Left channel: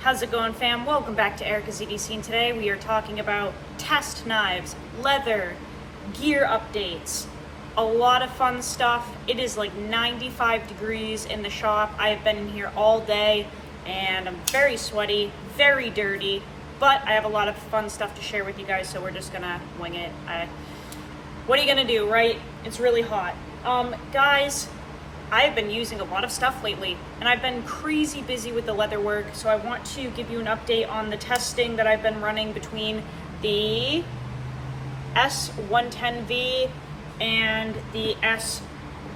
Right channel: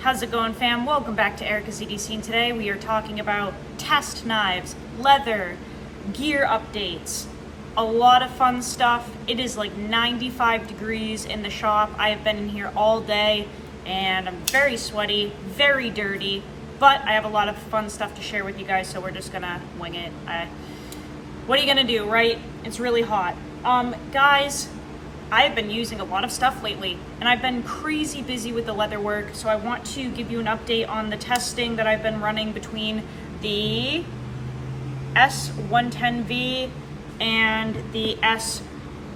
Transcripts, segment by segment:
How's it going, fam? Welcome back to Erica's EDC, and today we are talking about test knives, leather, gear updates, a lot of fun stuff. It is like 95 degrees in the shop. I have been in here all day and I'm very sweaty, very dirty, but I have a lot of fun stuff to share with you guys, so we're just gonna wing it. What are you gonna do, right? It's really hot. Guys, I've been using a lot of stuff lately and I've been crazy busy with the Leatherwork, so I want to give you an update on the testing that I've been running between the S110V and the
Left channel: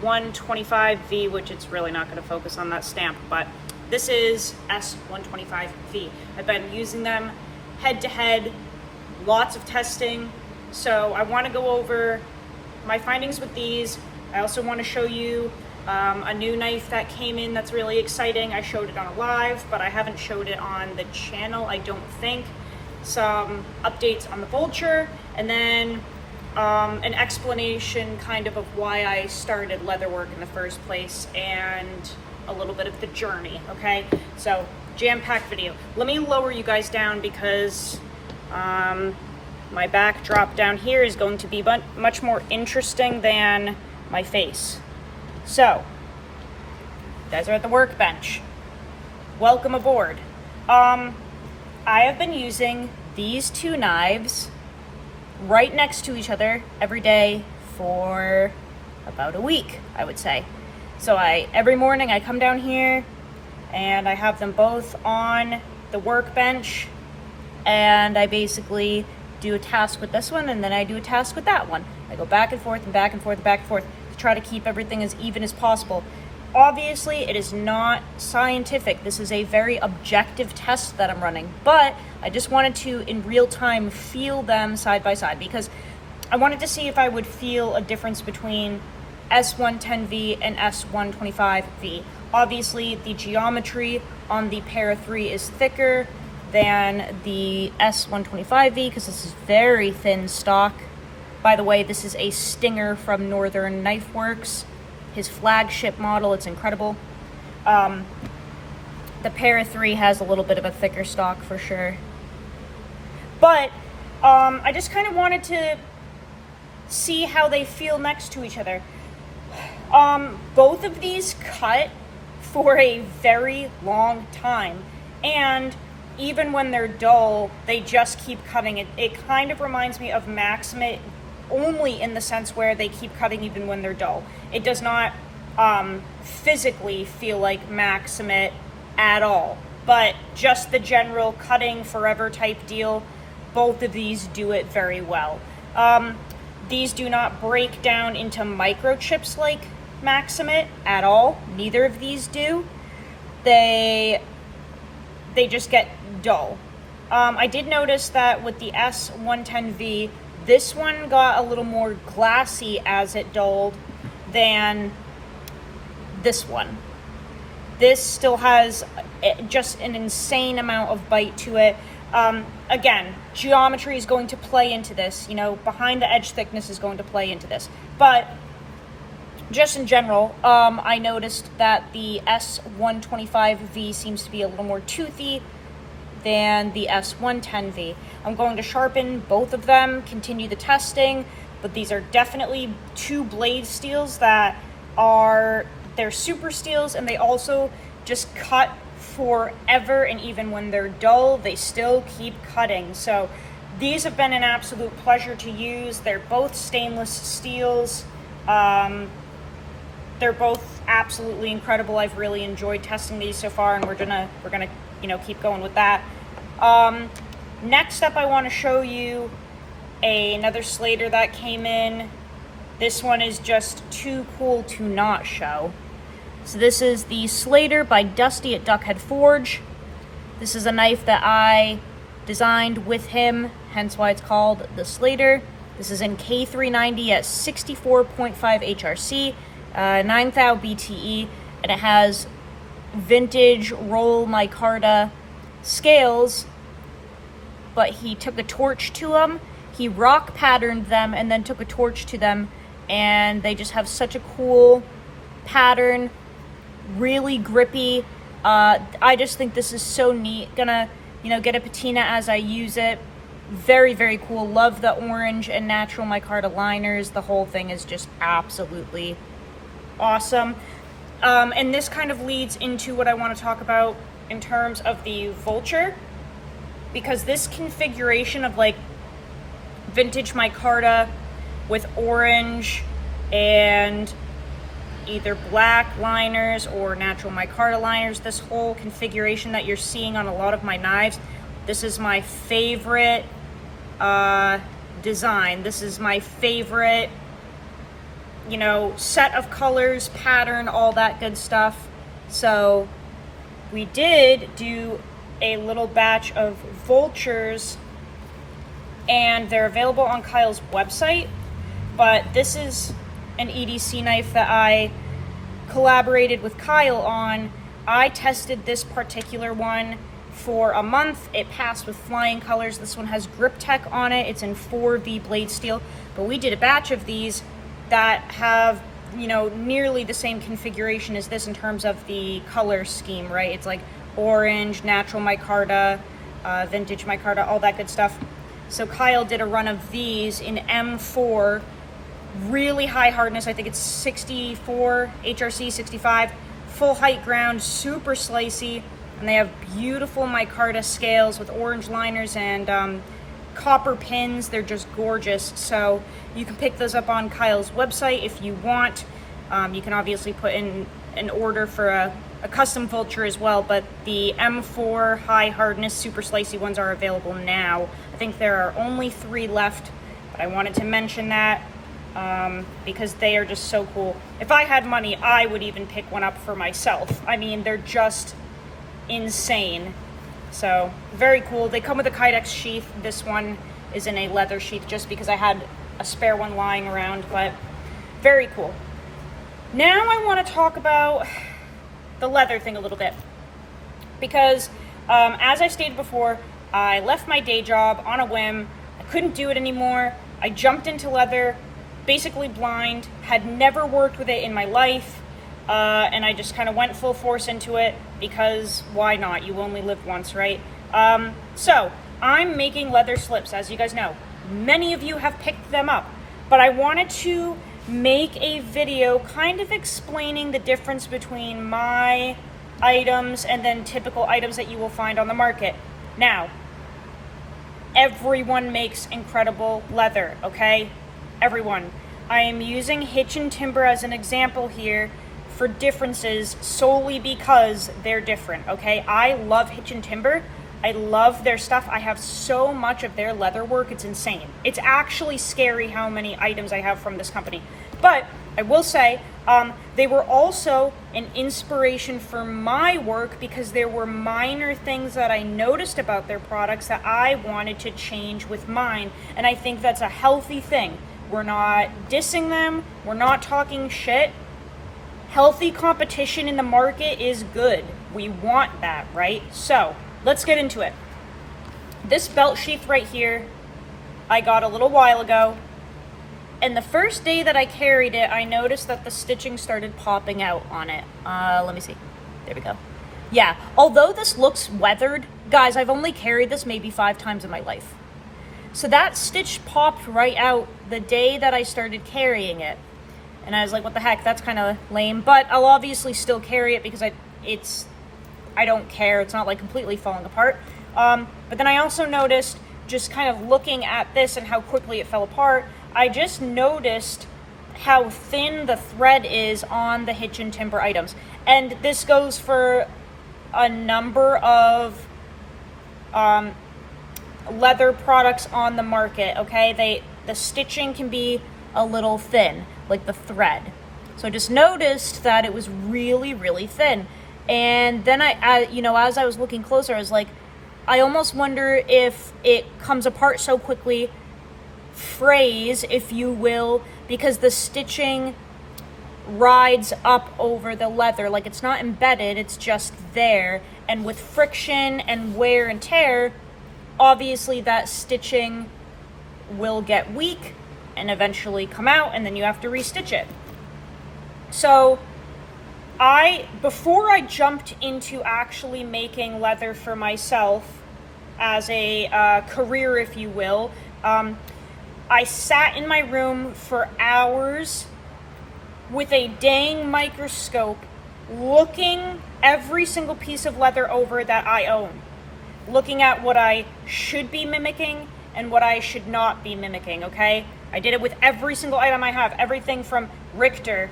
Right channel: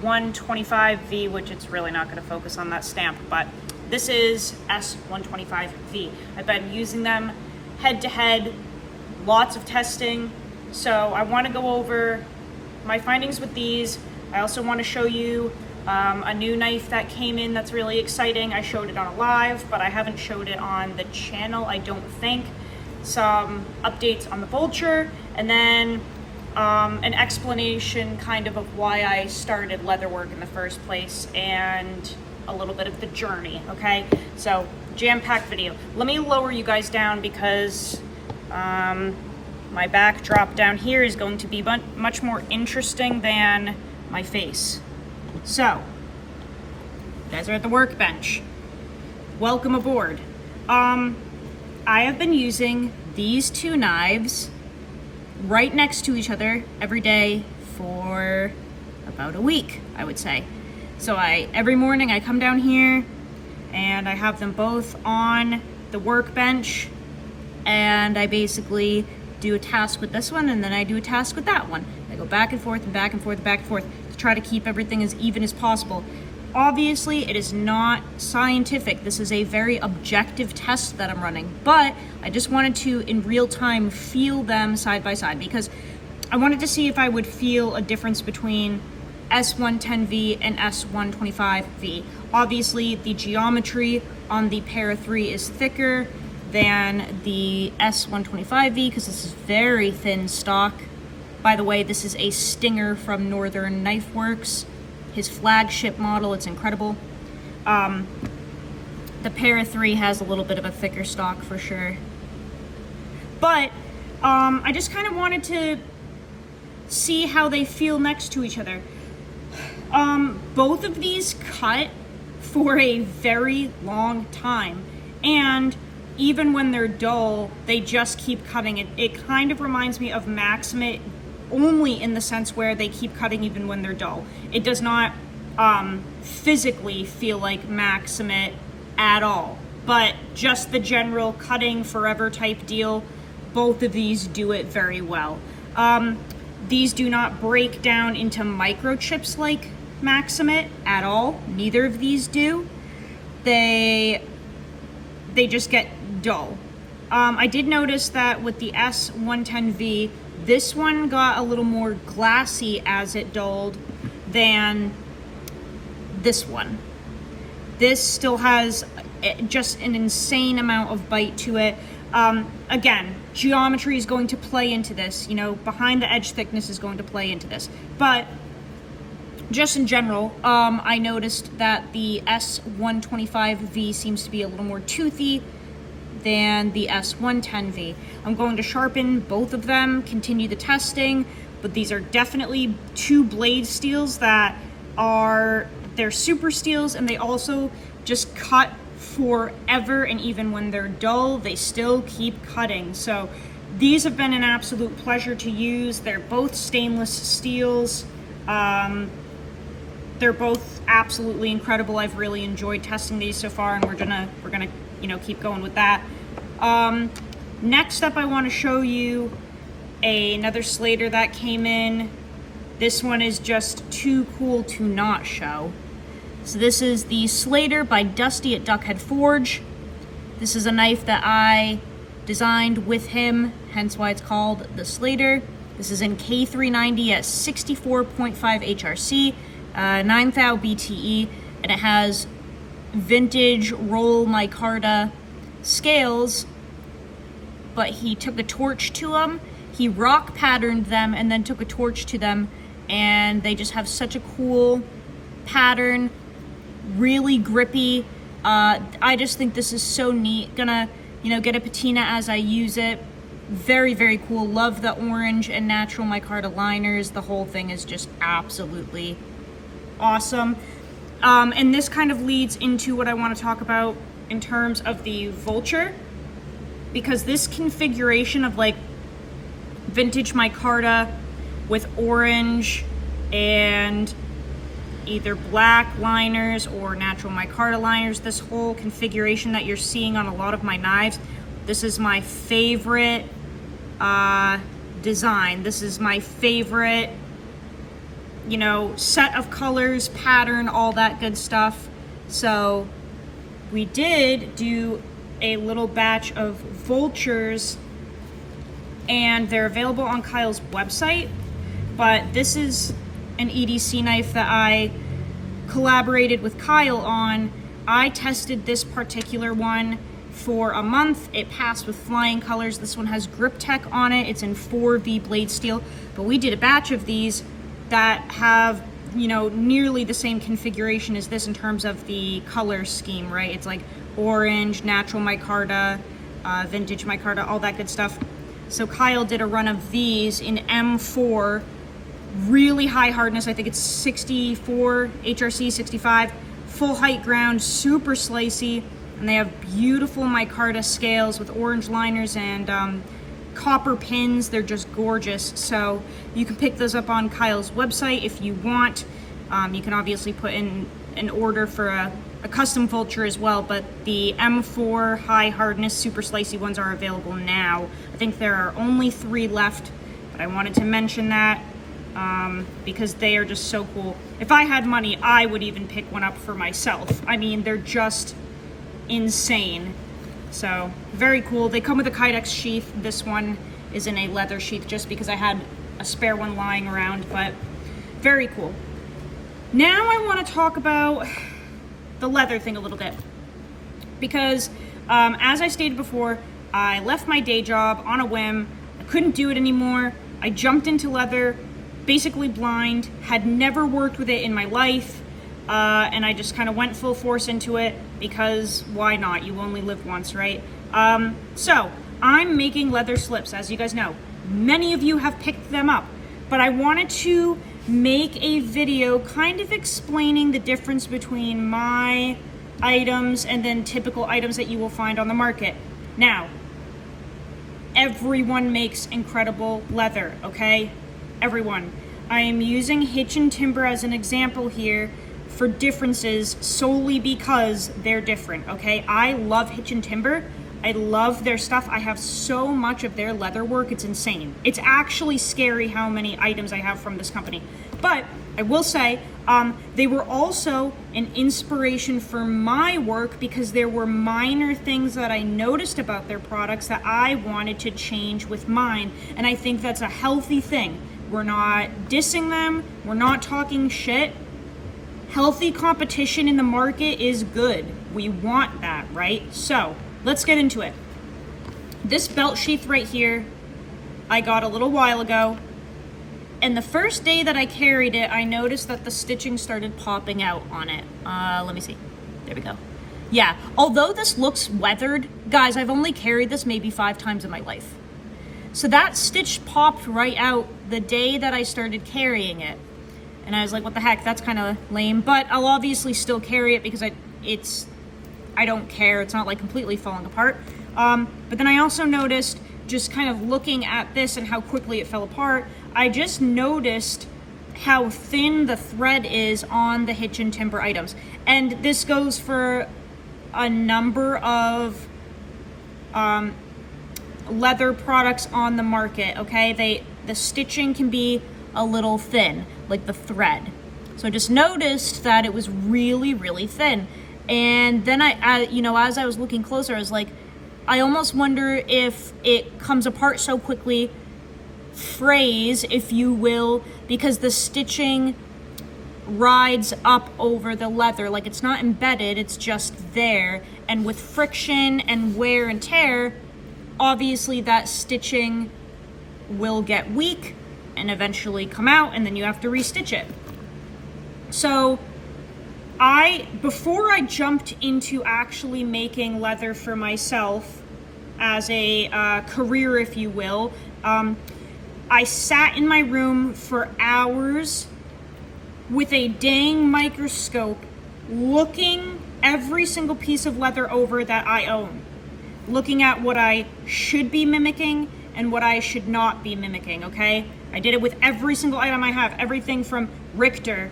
S125V, which it's really not going to focus on that stamp, but this is S125V. I've been using them head to head, lots of testing, so I want to go over my findings with these. I also want to show you a new knife that came in that's really exciting. I showed it on a live, but I haven't showed it on the channel, I don't think. Some updates on the Vulture, and then an explanation kind of why I started Leatherwork in the first place, and a little bit of the journey, okay? So, jam-packed video. Let me lower you guys down because my backdrop down here is going to be much more interesting than my face. So, you guys are at the workbench. Welcome aboard. I have been using these two knives right next to each other every day for about a week, I would say. So every morning I come down here and I have them both on the workbench, and I basically do a task with this one and then I do a task with that one. I go back and forth and back and forth and back and forth to try to keep everything as even as possible. Obviously, it is not scientific. This is a very objective test that I'm running, but I just wanted to, in real time, feel them side by side because I wanted to see if I would feel a difference between S110V and S125V. Obviously, the geometry on the Para 3 is thicker than the S125V because this is very thin stock. By the way, this is a Stinger from Northern Knifeworks, his flagship model. It's incredible. The Para 3 has a little bit of a thicker stock for sure. But I just kind of wanted to see how they feel next to each other. Both of these cut for a very long time, and even when they're dull, they just keep cutting. It kind of reminds me of Maximate, only in the sense where they keep cutting even when they're dull. It does not physically feel like Maximate at all, but just the general cutting forever type deal, both of these do it very well. These do not break down into microchips like Maximate at all. Neither of these do. They just get dull. I did notice that with the S110V, this one got a little more glassy as it dulled than this one. This still has just an insane amount of bite to it. Again, geometry is going to play into this. You know, behind the edge thickness is going to play into this. But just in general, I noticed that the S125V seems to be a little more toothy than the S110V. I'm going to sharpen both of them, continue the testing, but these are definitely two blade steels that they're super steels, and they also just cut forever, and even when they're dull, they still keep cutting. So these have been an absolute pleasure to use. They're both stainless steels. They're both absolutely incredible. I've really enjoyed testing these so far, and we're gonna keep going with that. Next up, I want to show you another Slater that came in. This one is just too cool to not show. So this is the Slater by Dusty at Duckhead Forge. This is a knife that I designed with him, hence why it's called the Slater. This is in K390 at 64.5 HRC, 9 thou BTE, and it has vintage roll micarta scales, but he took a torch to them, he rock patterned them, and then took a torch to them, and they just have such a cool pattern, really grippy, I just think this is so neat. Gonna, you know, get a patina as I use it. Very, very cool. Love the orange and natural micarta liners. The whole thing is just absolutely awesome. And this kind of leads into what I want to talk about in terms of the Vulture, because this configuration of like vintage micarta with orange and either black liners or natural micarta liners, this whole configuration that you're seeing on a lot of my knives, this is my favorite design. This is my favorite, you know, set of colors, pattern, all that good stuff. So we did do a little batch of Vultures, and they're available on Kyle's website, but this is an EDC knife that I collaborated with Kyle on. I tested this particular one for a month. It passed with flying colors. This one has Grip Tech on it. It's in 4V blade steel, but we did a batch of these that have, you know, nearly the same configuration as this in terms of the color scheme, right? It's like orange, natural micarta, vintage micarta, all that good stuff. So Kyle did a run of these in M4, really high hardness. I think it's 64, HRC 65, full height ground, super slicey, and they have beautiful micarta scales with orange liners and copper pins. They're just gorgeous. So you can pick those up on Kyle's website if you want. You can obviously put in an order for a custom Vulture as well, but the M4 high hardness super slicey ones are available now. I think there are only 3 left, but I wanted to mention that because they are just so cool. If I had money, I would even pick one up for myself. I mean, they're just insane. So very cool. They come with a Kydex sheath. This one is in a leather sheath just because I had a spare one lying around, but very cool. Now I want to talk about the leather thing a little bit, because as I stated before, I left my day job on a whim. I couldn't do it anymore. I jumped into leather, basically blind, had never worked with it in my life, and I just kind of went full force into it because why not? You only live once, right? So I'm making leather slips, as you guys know. Many of you have picked them up, but I wanted to make a video kind of explaining the difference between my items and then typical items that you will find on the market. Now, everyone makes incredible leather, okay? Everyone. I am using Hitch and Timber as an example here for differences solely because they're different, okay? I love Hitch and Timber. I love their stuff. I have so much of their leather work, it's insane. It's actually scary how many items I have from this company. But I will say, they were also an inspiration for my work because there were minor things that I noticed about their products that I wanted to change with mine. And I think that's a healthy thing. We're not dissing them. We're not talking shit. Healthy competition in the market is good. We want that, right? So let's get into it. This belt sheath right here, I got a little while ago. And the first day that I carried it, I noticed that the stitching started popping out on it. Let me see. There we go. Yeah, although this looks weathered, guys, I've only carried this maybe 5 times in my life. So that stitch popped right out the day that I started carrying it. And I was like, what the heck, that's kind of lame. But I'll obviously still carry it because I don't care. It's not like completely falling apart. But then I also noticed, just kind of looking at this and how quickly it fell apart, I just noticed how thin the thread is on the Hitch and Timber items. And this goes for a number of leather products on the market, okay? The stitching can be a little thin, like the thread. So I just noticed that it was really, really thin. And then as I was looking closer, I was like, I almost wonder if it comes apart so quickly, frays, if you will, because the stitching rides up over the leather. Like, it's not embedded, it's just there. And with friction and wear and tear, obviously that stitching will get weak and eventually come out, and then you have to restitch it. So Before I jumped into actually making leather for myself as a career, if you will, I sat in my room for hours with a dang microscope looking every single piece of leather over that I own, looking at what I should be mimicking and what I should not be mimicking, okay? I did it with every single item I have, everything from Richter,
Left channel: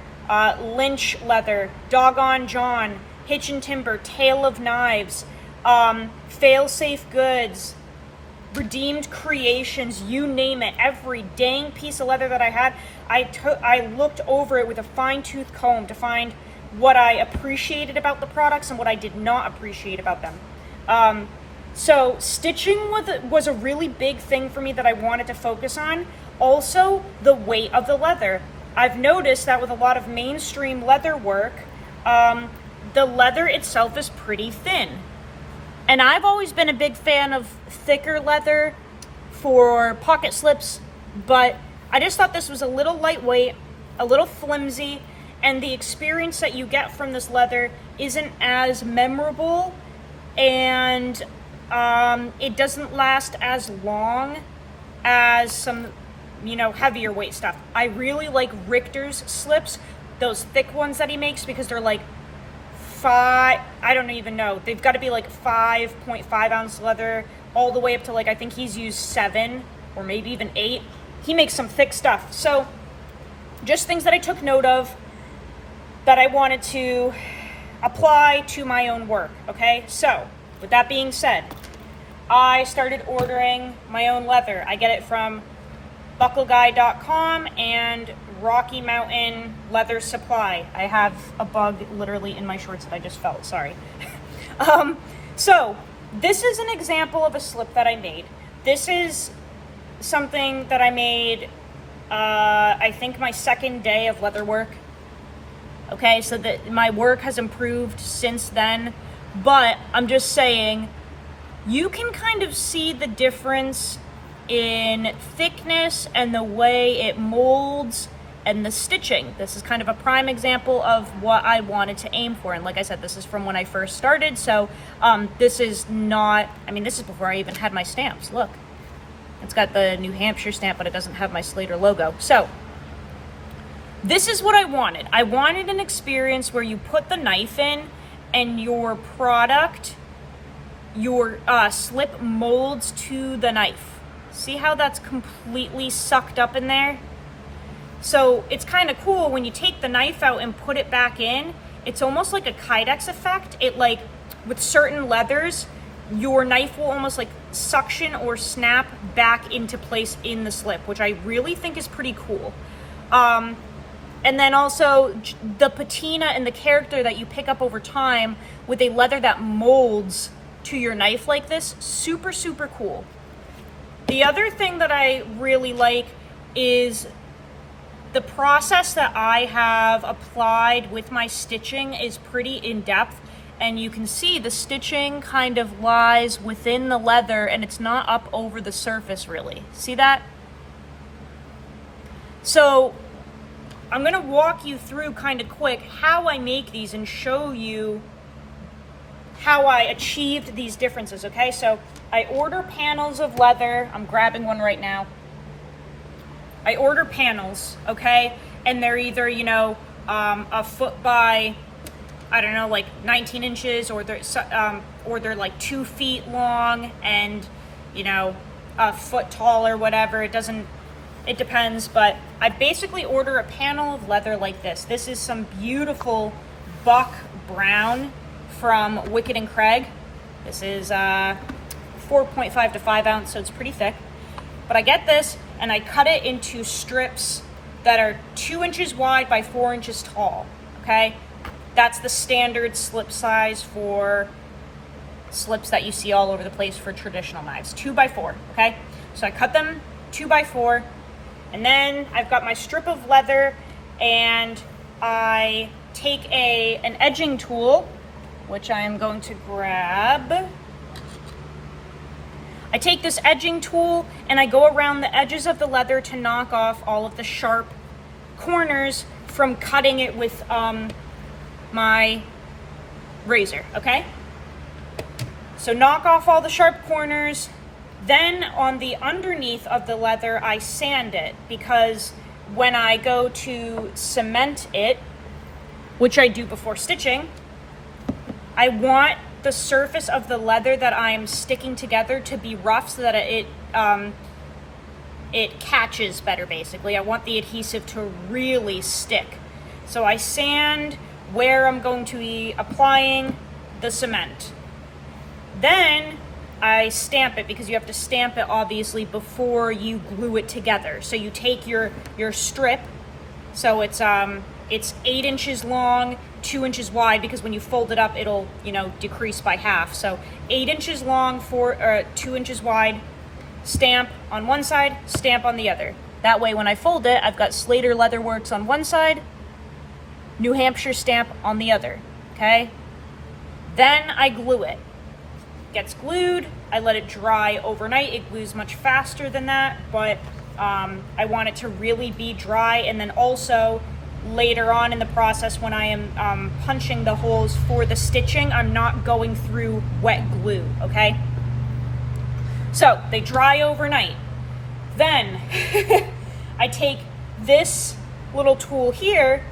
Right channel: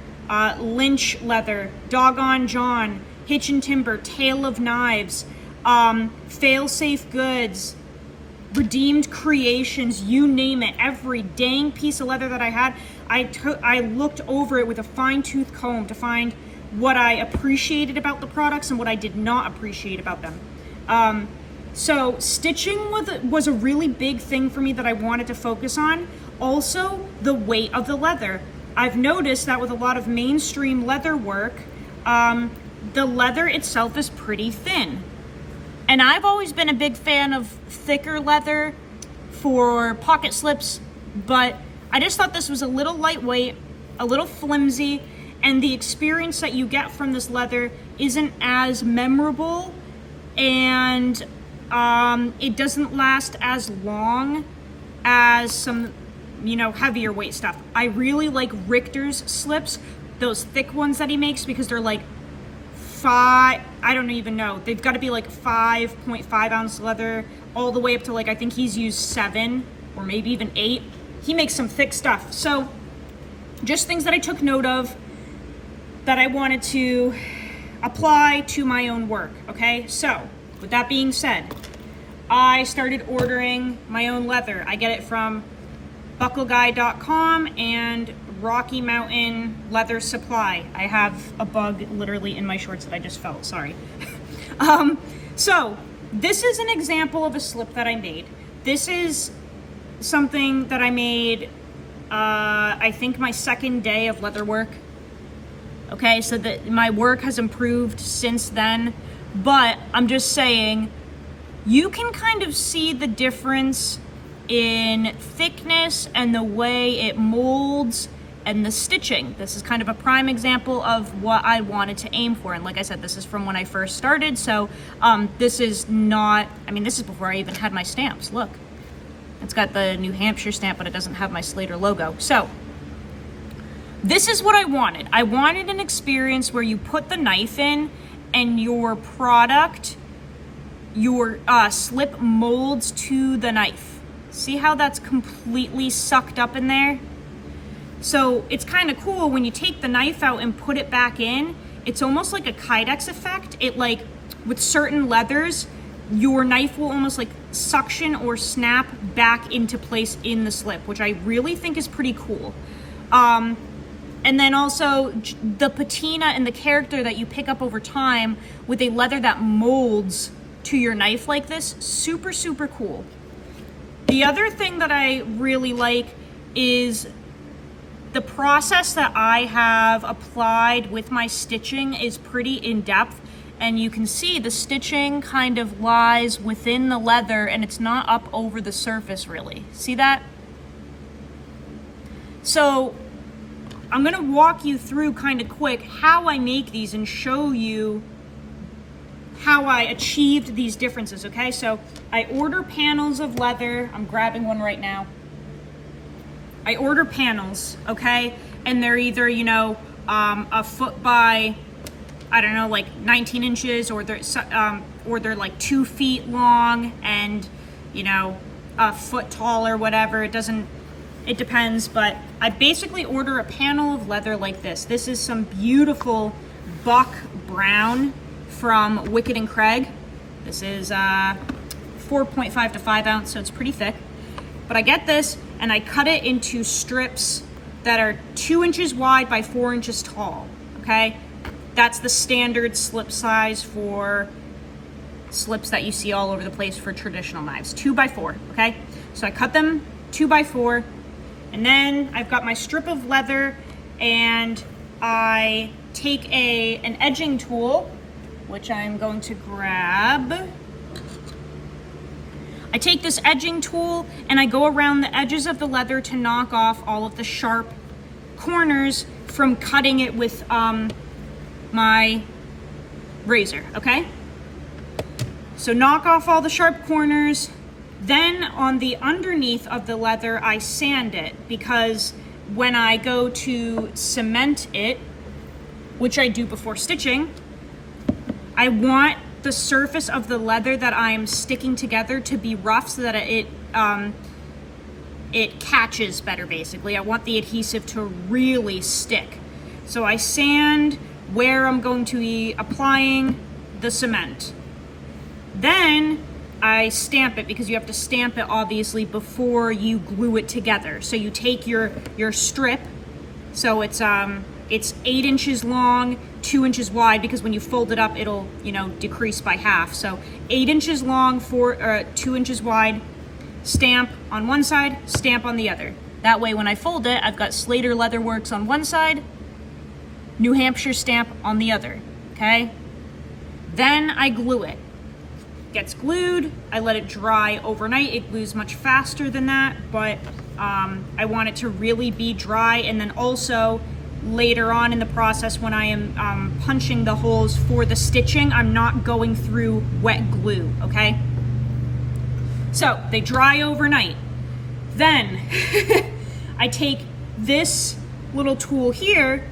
Lynch leather, Doggone John, Hitch and Timber, Tale of Knives, Failsafe Goods, Redeemed Creations, you name it. Every dang piece of leather that I had, I looked over it with a fine-tooth comb to find what I appreciated about the products and what I did not appreciate about them. So stitching was a really big thing for me that I wanted to focus on. Also, the weight of the leather. I've noticed that with a lot of mainstream leather work, the leather itself is pretty thin. And I've always been a big fan of thicker leather for pocket slips, but I just thought this was a little lightweight, a little flimsy, and the experience that you get from this leather isn't as memorable, and it doesn't last as long as some, heavier weight stuff. I really like Richter's slips, those thick ones that he makes, because they're like I don't even know. They've got to be like 5.5 ounce leather all the way up to I think he's used 7 or maybe even 8. He makes some thick stuff. So just things that I took note of that I wanted to apply to my own work. Okay. So with that being said, I started ordering my own leather. I get it from buckleguy.com and Rocky Mountain Leather Supply. I have a bug literally in my shorts that I just felt, sorry. So this is an example of a slip that I made. This is something that I made, I think my second day of leather work. Okay, so that my work has improved since then, but I'm just saying, you can kind of see the difference in thickness and the way it molds and the stitching. This is kind of a prime example of what I wanted to aim for. And like I said, this is from when I first started. So this is not, this is before I even had my stamps. Look, it's got the New Hampshire stamp, but it doesn't have my Slater logo. So this is what I wanted. I wanted an experience where you put the knife in and your product, your slip molds to the knife. See how that's completely sucked up in there? So it's kind of cool when you take the knife out and put it back in. It's almost like a Kydex effect. It with certain leathers, your knife will almost suction or snap back into place in the slip, which I really think is pretty cool. And then also the patina and the character that you pick up over time with a leather that molds to your knife like this, super, super cool. The other thing that I really like is the process that I have applied with my stitching is pretty in-depth, and you can see the stitching kind of lies within the leather and it's not up over the surface really. See that? So I'm gonna walk you through kind of quick how I make these and show you how I achieved these differences, okay? So I order panels of leather. I'm grabbing one right now. I order panels, okay? And they're either, a foot by, 19 inches, or they're like 2 feet long and, a foot tall or whatever. It depends, but I basically order a panel of leather like this. This is some beautiful buck brown from Wicked and Craig. This is 4.5 to 5 ounce, so it's pretty thick. But I get this and I cut it into strips that are 2 inches wide by 4 inches tall, okay? That's the standard slip size for slips that you see all over the place for traditional knives, 2 by 4, okay? So I cut them 2 by 4, and then I've got my strip of leather, and I take an edging tool, which I am going to grab. I take this edging tool and I go around the edges of the leather to knock off all of the sharp corners from cutting it with my razor, okay? So knock off all the sharp corners. Then on the underneath of the leather, I sand it, because when I go to cement it, which I do before stitching, I want the surface of the leather that I'm sticking together to be rough so that it catches better, basically. I want the adhesive to really stick. So I sand where I'm going to be applying the cement. Then I stamp it, because you have to stamp it obviously before you glue it together. So you take your strip, so it's 8 inches long, 2 inches wide, because when you fold it up, it'll, decrease by half. So 8 inches long, 2 inches wide, stamp on one side, stamp on the other. That way when I fold it, I've got Slater Leatherworks on one side, New Hampshire stamp on the other, okay? Then I glue it. Gets glued, I let it dry overnight. It glues much faster than that, but I want it to really be dry. And then also later on in the process, when I am punching the holes for the stitching, I'm not going through wet glue, okay? So they dry overnight. Then I take this little tool here,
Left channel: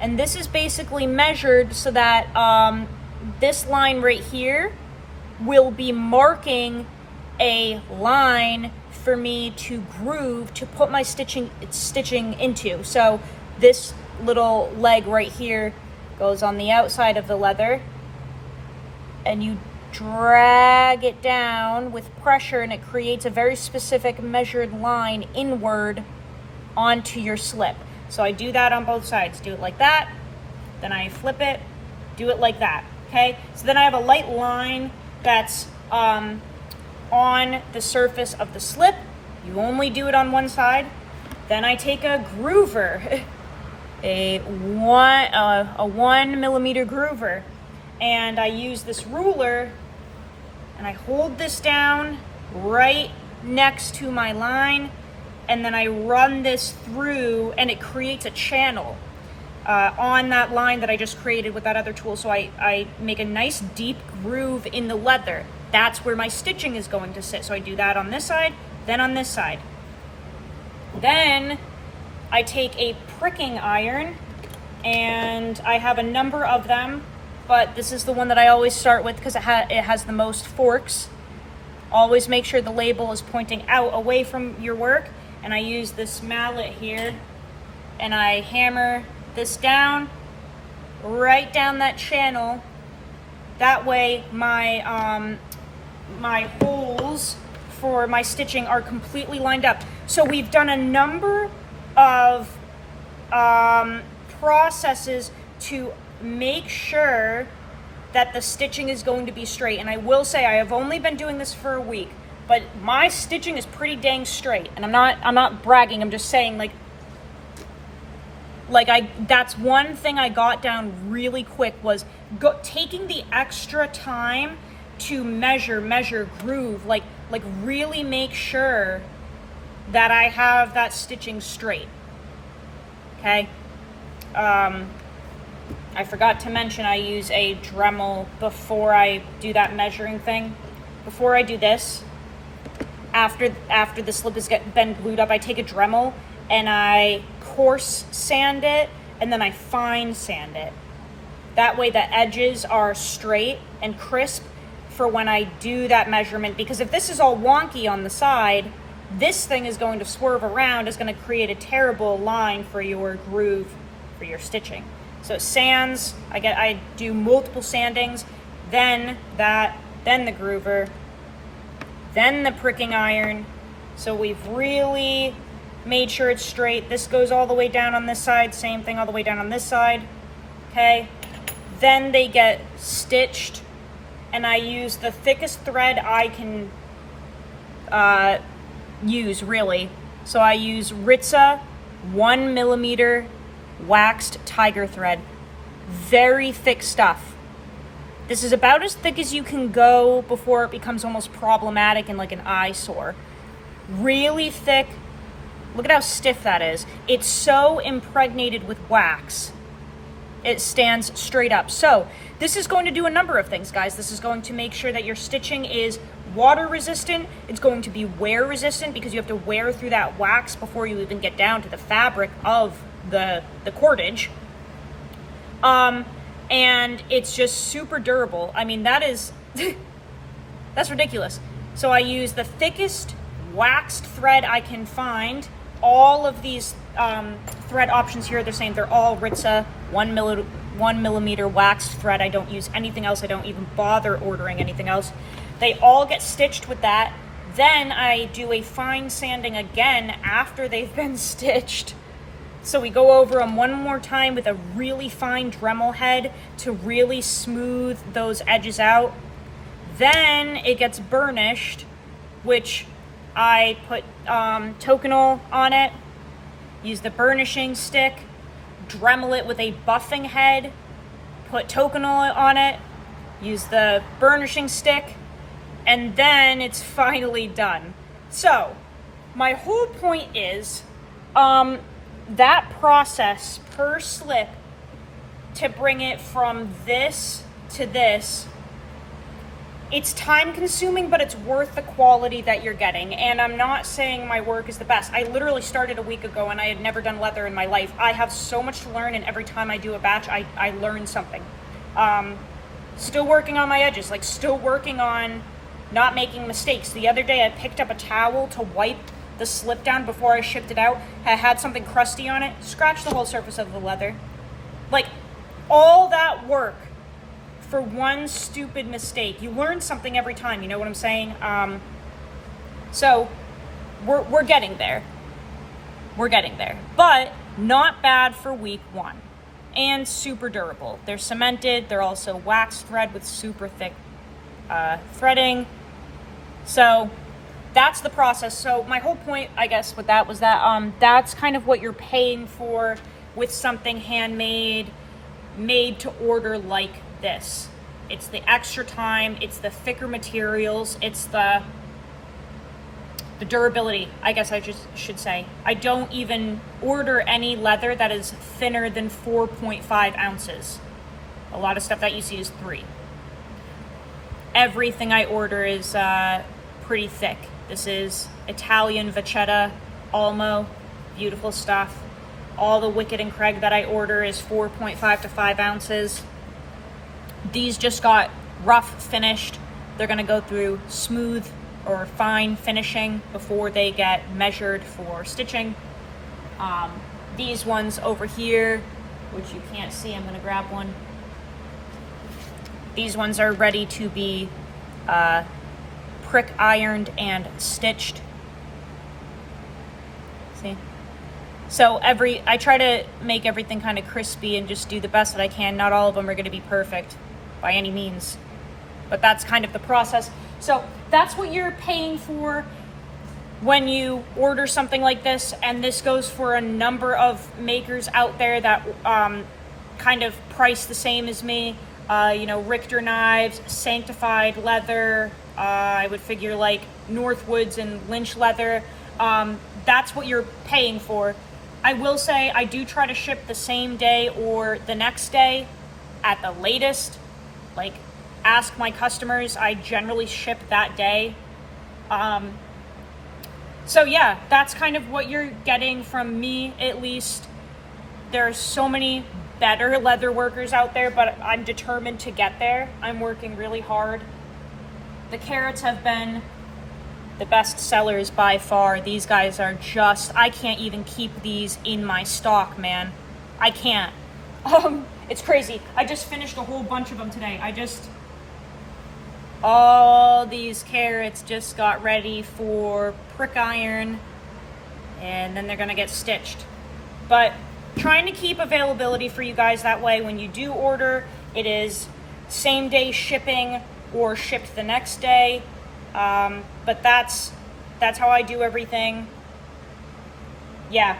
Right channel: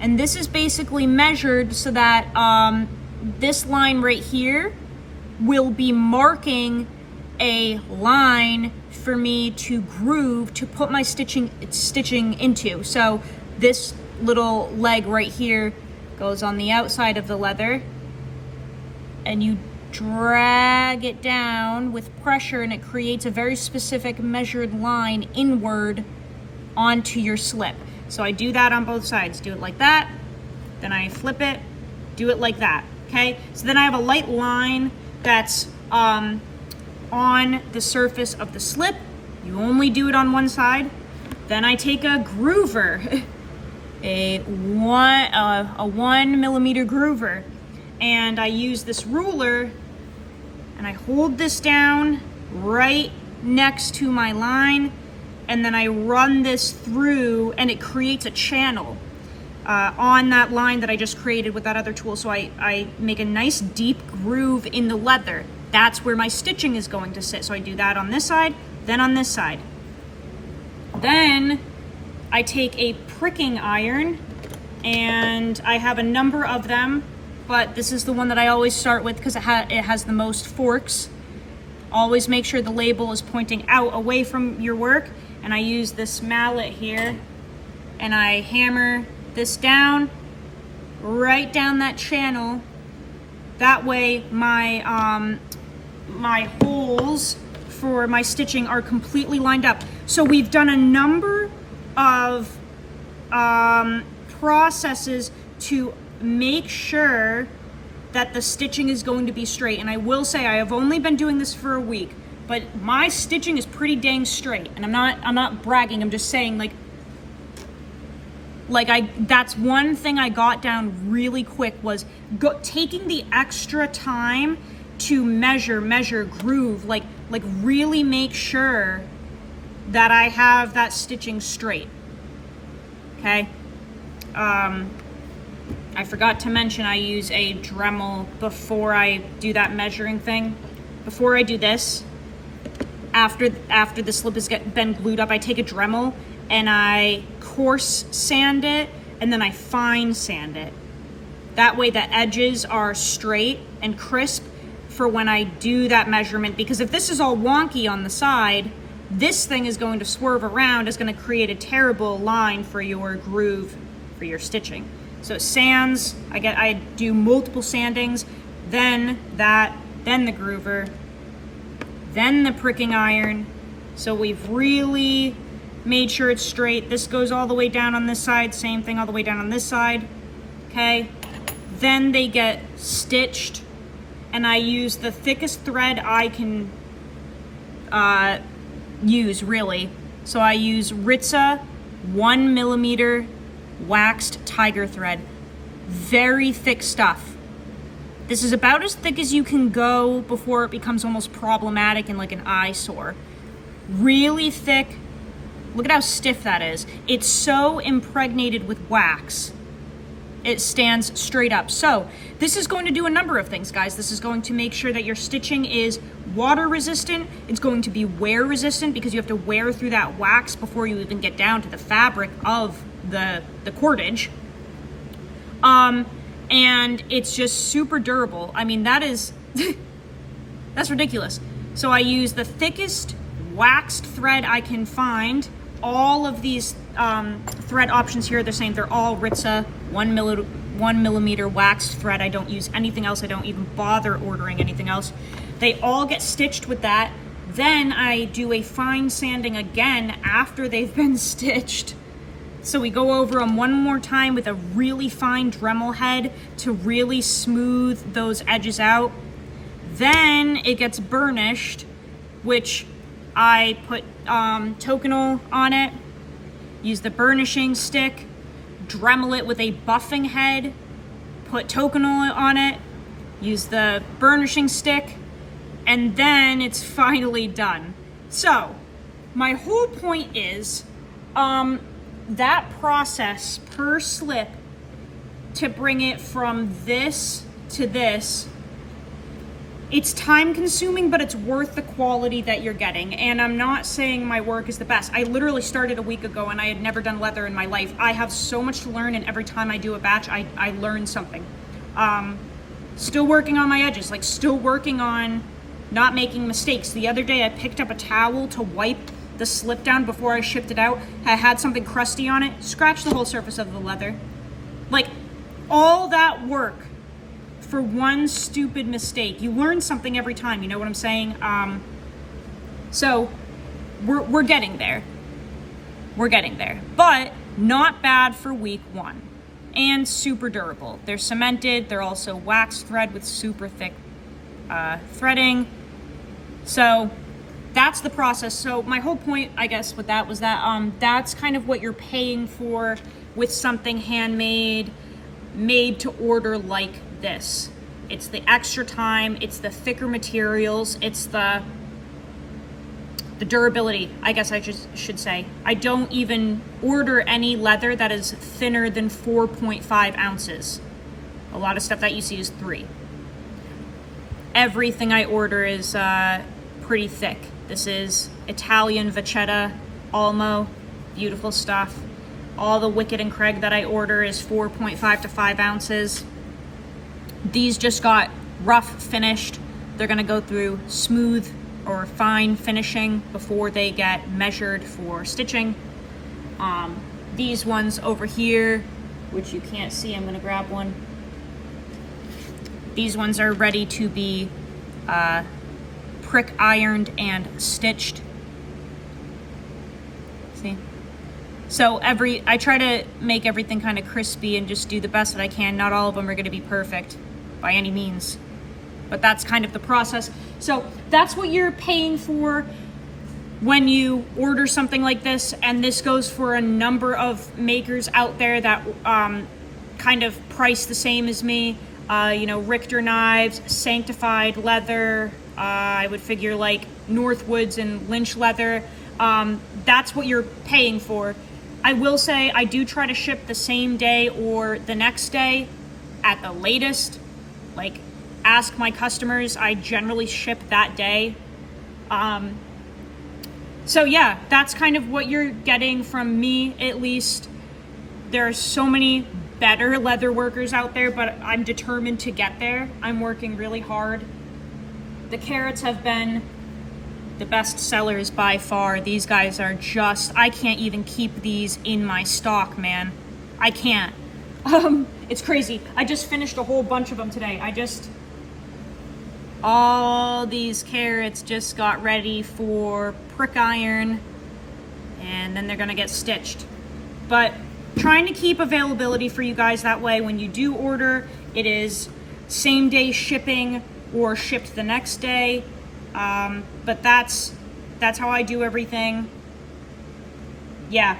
and this is basically measured so that this line right here will be marking a line for me to groove, to put my stitching into. So this little leg right here goes on the outside of the leather, and you drag it down with pressure, and it creates a very specific measured line inward onto your slip. So I do that on both sides. Do it like that, then I flip it, do it like that, okay? So then I have a light line that's on the surface of the slip. You only do it on one side. Then I take a groover, a 1 millimeter groover, and I use this ruler, and I hold this down right next to my line, and then I run this through, and it creates a channel on that line that I just created with that other tool. So I make a nice deep groove in the leather. That's where my stitching is going to sit. So I do that on this side, then on this side. Then I take a pricking iron, and I have a number of them, but this is the one that I always start with because it has the most forks. Always make sure the label is pointing out away from your work. And I use this mallet here, and I hammer this down, right down that channel. That way my my holes for my stitching are completely lined up. So we've done a number of processes to make sure that the stitching is going to be straight. And I will say, I have only been doing this for a week, but my stitching is pretty dang straight. And I'm not bragging, I'm just saying, that's one thing I got down really quick, was taking the extra time to measure, groove, like really make sure that I have that stitching straight. Okay. I forgot to mention I use a Dremel before I do that measuring thing. Before I do this, after the slip has been glued up, I take a Dremel and I coarse sand it, and then I fine sand it. That way the edges are straight and crisp for when I do that measurement, because if this is all wonky on the side, this thing is going to swerve around, is going to create a terrible line for your groove for your stitching. So it sands, I do multiple sandings, then the groover, then the pricking iron. So we've really made sure it's straight. This goes all the way down on this side, same thing all the way down on this side, okay? Then they get stitched, and I use the thickest thread I can use, really. So I use Ritza 1 millimeter waxed tiger thread. Very thick stuff. This is about as thick as you can go before it becomes almost problematic and like an eyesore. Really thick. Look at how stiff that is. It's so impregnated with wax. it stands straight up. So this is going to do a number of things, guys. This is going to make sure that your stitching is water resistant. It's going to be wear resistant because you have to wear through that wax before you even get down to the fabric of the cordage. And it's just super durable. I mean, that is, that's ridiculous. So I use the thickest waxed thread I can find. All of these thread options here are the same. They're all Ritza 1 millimeter waxed thread. I don't use anything else. I don't even bother ordering anything else. They all get stitched with that. Then I do a fine sanding again after they've been stitched. So we go over them one more time with a really fine Dremel head to really smooth those edges out. Then it gets burnished, which I put Tokonol on it, use the burnishing stick, Dremel it with a buffing head, put Tokonol on it, use the burnishing stick, and then it's finally done. So my whole point is, that process per slip to bring it from this to this, it's time consuming, but it's worth the quality that you're getting. And I'm not saying my work is the best. I literally started a week ago and I had never done leather in my life. I have so much to learn, and every time I do a batch, I learn something. Still working on my edges, like still working on not making mistakes. The other day I picked up a towel to wipe the slip down before I shipped it out. I had something crusty on it, scratched the whole surface of the leather. Like, all that work for one stupid mistake. You learn something every time, you know what I'm saying? So we're getting there. We're getting there, but not bad for week one, and super durable. They're cemented. They're also wax thread with super thick threading. So that's the process. So my whole point, I guess, with that was that that's kind of what you're paying for with something handmade, made to order like this. It's the extra time, it's the thicker materials, it's the durability, I guess I just should say. I don't even order any leather that is thinner than 4.5 ounces. A lot of stuff that you see is 3. Everything I order is pretty thick. This is Italian Vachetta Almo, beautiful stuff. All the Wicked and Craig that I order is 4.5 to 5 ounces. These just got rough finished. They're gonna go through smooth or fine finishing before they get measured for stitching. These ones over here, which you can't see, I'm gonna grab one. These ones are ready to be prick ironed and stitched. See? So I try to make everything kind of crispy and just do the best that I can. Not all of them are gonna be perfect by any means, but that's kind of the process. So that's what you're paying for when you order something like this, and this goes for a number of makers out there that kind of price the same as me. You know, Richter Knives, Sanctified Leather, I would figure like Northwoods and Lynch Leather. That's what you're paying for. I will say I do try to ship the same day or the next day at the latest. Like, ask my customers, I generally ship that day. So yeah, that's kind of what you're getting from me, at least. There are so many better leather workers out there, but I'm determined to get there. I'm working really hard. The carrots have been the best sellers by far. These guys are just, I can't even keep these in my stock, man. I can't. It's crazy. I just finished a whole bunch of them today. All these carrots just got ready for prick iron, and then they're gonna get stitched. But trying to keep availability for you guys, that way when you do order, it is same day shipping or shipped the next day. But that's how I do everything. Yeah.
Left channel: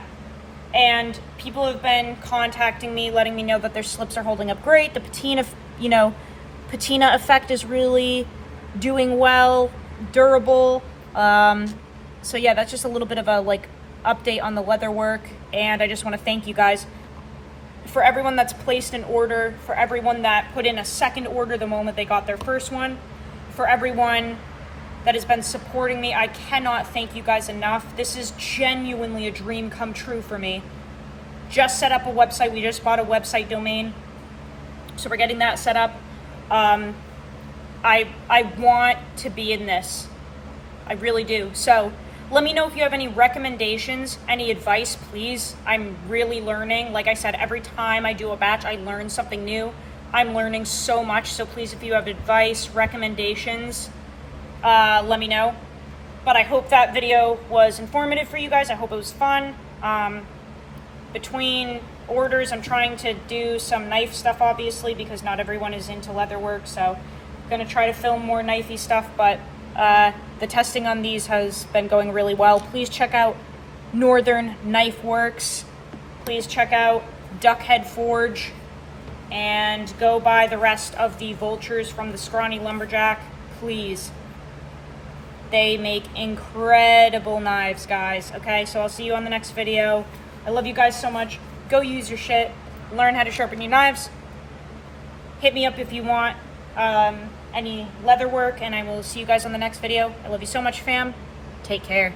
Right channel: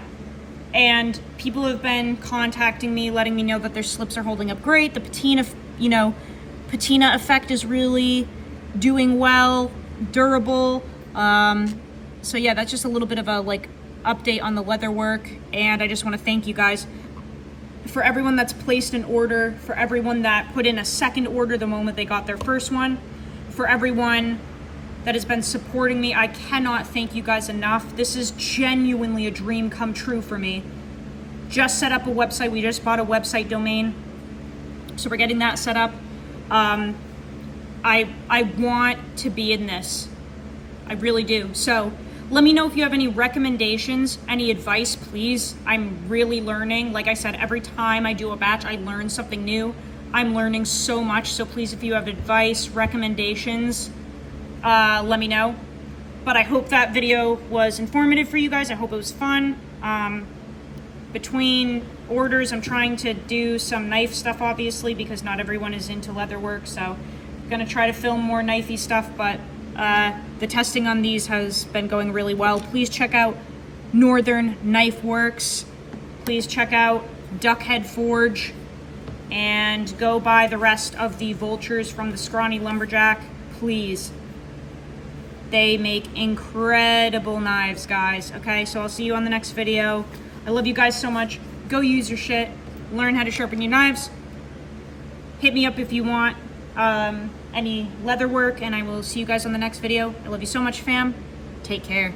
And people have been contacting me, letting me know that their slips are holding up great. The patina, patina effect is really doing well, durable. So yeah, that's just a little bit of a update on the leather work, and I just want to thank you guys for everyone that's placed an order, for everyone that put in a second order the moment they got their first one, for everyone that has been supporting me. I cannot thank you guys enough. This is genuinely a dream come true for me. Just set up a website. We just bought a website domain, so we're getting that set up. I want to be in this. I really do. So let me know if you have any recommendations, any advice, please. I'm really learning. Like I said, every time I do a batch, I learn something new. I'm learning so much. So please, if you have advice, recommendations, let me know. But I hope that video was informative for you guys. I hope it was fun. Between orders, I'm trying to do some knife stuff, obviously, because not everyone is into leatherwork. So I'm gonna try to film more knifey stuff, but the testing on these has been going really well. Please check out Northern Knifeworks. Please check out Duckhead Forge, and go buy the rest of the Vultures from the Scrawny Lumberjack, please. They make incredible knives, guys. Okay, so I'll see you on the next video. I love you guys so much. Go use your shit. Learn how to sharpen your knives. Hit me up if you want any leather work, and I will see you guys on the next video. I love you so much, fam. Take care.